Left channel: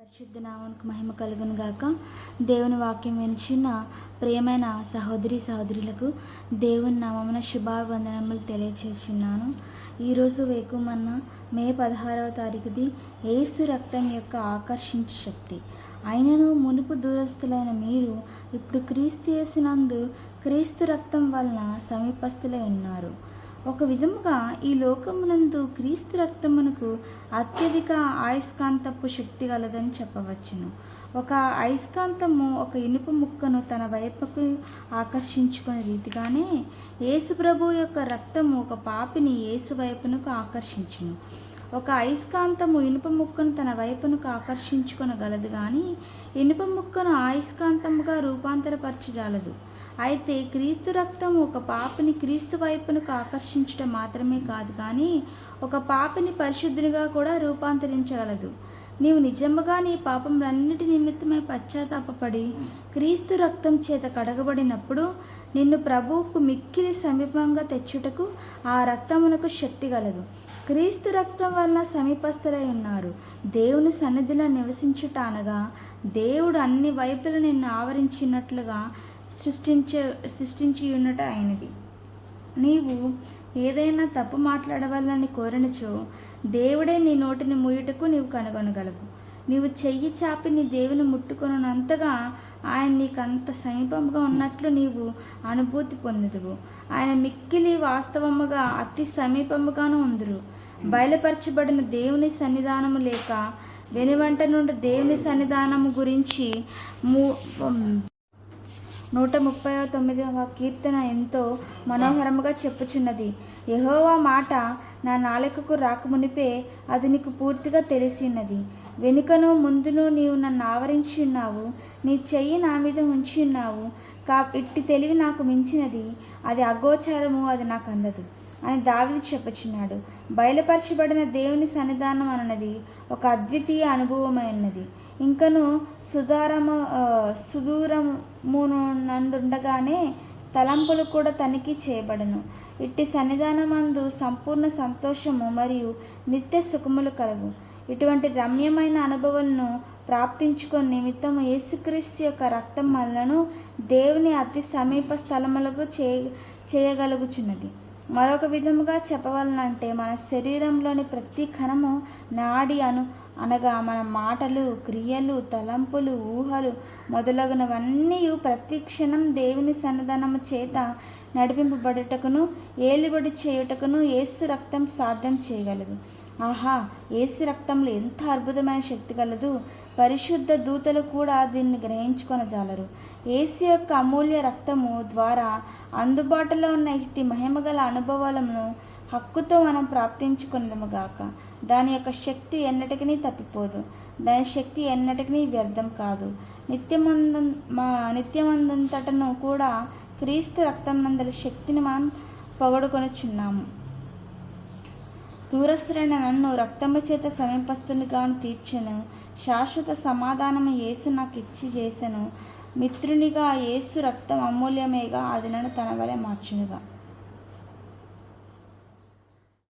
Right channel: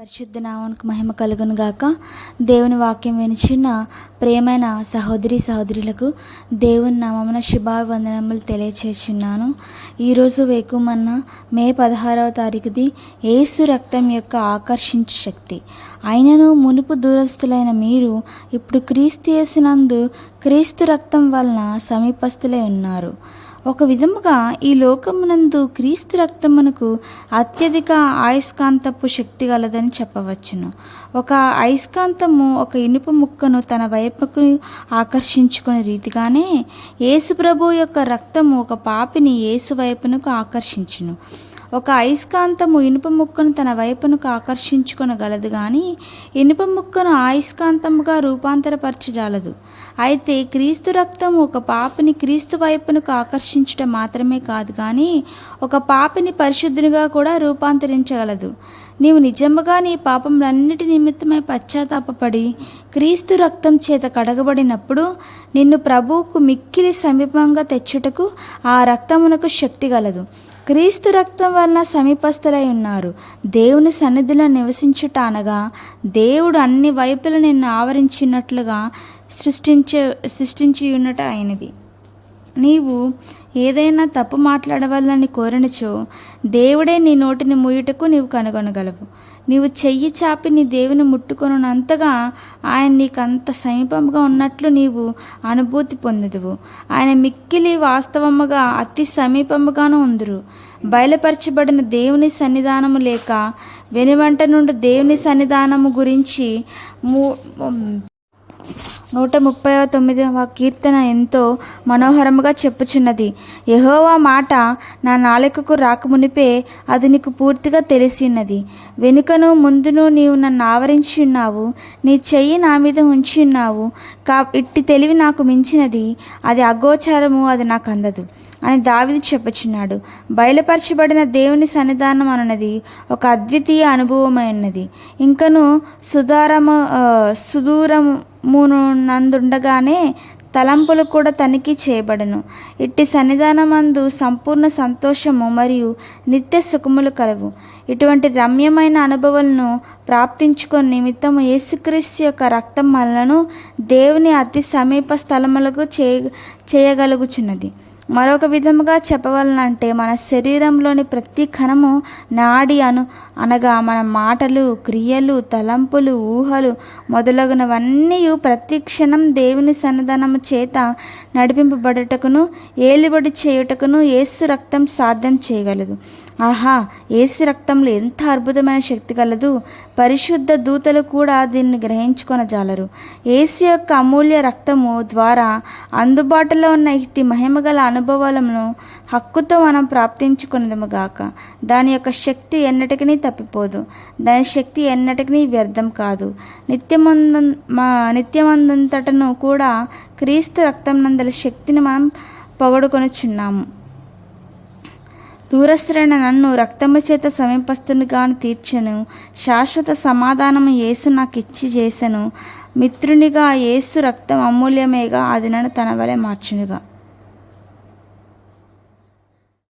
పరిశుద్ధ నామానికి మహిమ కలుగును గాక. దేవుని వాక్యం వినిచిన ప్రియమైన సహోదరి సహోదరులకు దేవుని నామమున శుభాభివందనములు తెలియచేస్తున్నాను. ఈరోజు వేకుమన్న మే 16వ తారీఖుది యేసు రక్తం యొక్క ఆకర్షించు శక్తి. అయినను మునుపు దూరస్తులైన మీరు ఇప్పుడు క్రీస్తు యేసునందు క్రీస్తు రక్తం వలన సమీపస్తులై ఉన్నారు. ఒక విధముగా ఈ లోకమునందు క్రీస్తు రక్తమునకు అత్యధిక అయస్కాంతపు శక్తి గలదని చెప్పవచ్చును. ఒక అయస్కాంతము ఒక ఇనుప ముక్కను తన వైపుకు ఆకర్షించుకునే రీతిగానే యేసు ప్రభు యొక్క రక్తము ఒక పాపిని యేసు వైపునకు ఆకర్షించును. ఒక అయస్కాంతము ఇనుప ముక్కను తన వైపునకు ఆకర్షించుకొనగలదు కానీ ఇనుప ముక్కను అయస్కాంతముగా రూపాంతరపరచజాలదు. అయితే క్రీస్తు రక్తము ఒక పాపిని క్రీస్తు వైపునకు ఆకర్షించడం మాత్రమే కాదు కానీ ఒక పాపిని పరిశుద్ధునిగా కూడా రూపాంతరించగలదు. నీవు నిజముగా నీ పాపములన్నిటి నిమిత్తమై పశ్చాత్తాపపడి క్రీస్తు రక్తం చేత కడగబడినప్పుడు నిన్ను ప్రభువుకు మిక్కిలి సమీపంగా తెచ్చుటకు ఆ రక్తమునకు శక్తి గలదు. క్రీస్తు రక్తం వలన సమీపస్తులై ఉన్నారు. దేవుని సన్నిధిలో నివసించుట అనగా దేవుడు అన్ని వైపుల నిన్ను ఆవరించినట్లుగా సృష్టించి ఉన్నట అయినది. నీవు ఏదైనా తప్పు మాట్లాడవాలని కోరనిచో దేవుడే నీ నోటిని మూయుటకు నీవు కనుగొనగలవు. నీవు చెయ్యి చాపి నీ దేవుని ముట్టుకొనున్నంతగా ఆయన నీకంత సమీపంగా ఉన్నట్లు నీవు అనుభూతి పొందుదువు. ఆయన మిక్కిలి వాస్తవముగా అతి సమీపముగాను ఉందురు. బయలుపరచబడిన దేవుని సన్నిధానము లేక వెనువంట నుండి దేవుని సన్నిధానము గురించి 139వ కీర్తన ఎంతో మనోహరముగా చెప్పుచున్నది. యెహోవా మాట నా నాలుకకు రాకమునిపే అది నీకు పూర్తిగా తెలిసిన్నది. వెనుకను ముందును నీవు నన్ను ఆవరించి ఉన్నావు. నీ చెయ్యి నా మీద ఉంచి ఉన్నావు. ఇట్టి తెలివి నాకు మించినది, అది అగోచరము, అది నాకు అందదు అని దావీదు చెప్పుచున్నాడు. బయలుపరచబడిన దేవుని సన్నిధానం అన్నది ఒక అద్వితీయ అనుభవమైనది. ఇంకను సుదూరమునందుండగానే తలంపులు కూడా తనిఖీ చేయబడను. ఇట్టి సన్నిధానమందు సంపూర్ణ సంతోషము మరియు నిత్య సుఖములు కలవు. ఇటువంటి రమ్యమైన అనుభవాలను ప్రాప్తించుకొని నిమిత్తము యేసుక్రీస్తు యొక్క రక్తం మనలను దేవుని అతి సమీప స్థలములకు చేయగలుగుచున్నది. మరొక విధముగా చెప్పవలనంటే మన శరీరంలోని ప్రతి కణము నాడి అనగా మన మాటలు, క్రియలు, తలంపులు, ఊహలు మొదలగునవన్నీ ప్రతి క్షణం దేవుని సన్నిధానము చేత నడిపింపబడుటకును ఏలుబడి చేయుటకును యేసు రక్తం సాధ్యం చేయగలదు. ఆహా, యేసు రక్తంలో ఎంత అద్భుతమైన శక్తి కలదు! పరిశుద్ధ దూతలు కూడా దీన్ని గ్రహించుకొనజాలరు. యేసు యొక్క అమూల్య రక్తము ద్వారా అందుబాటులో ఉన్న ఇట్టి మహిమగల అనుభవాలను హక్కుతో మనం ప్రాప్తించుకున్నదముగాక. దాని యొక్క శక్తి ఎన్నటికీ తప్పిపోదు. దాని శక్తి ఎన్నటికీ వ్యర్థం కాదు. నిత్యమందంతటను కూడా క్రీస్తు రక్తం నందల శక్తిని మనం పొగడుకొనుచున్నాము. దూరస్తులైన నన్ను రక్తము చేత సమీపస్తునిగాను తీర్చెను. శాశ్వత సమాధానము యేసు నాకు ఇచ్చి చేసెను. మిత్రునిగా యేసు రక్తం అమూల్యమేగా, అది నన్ను తన వలె మార్చునుగా.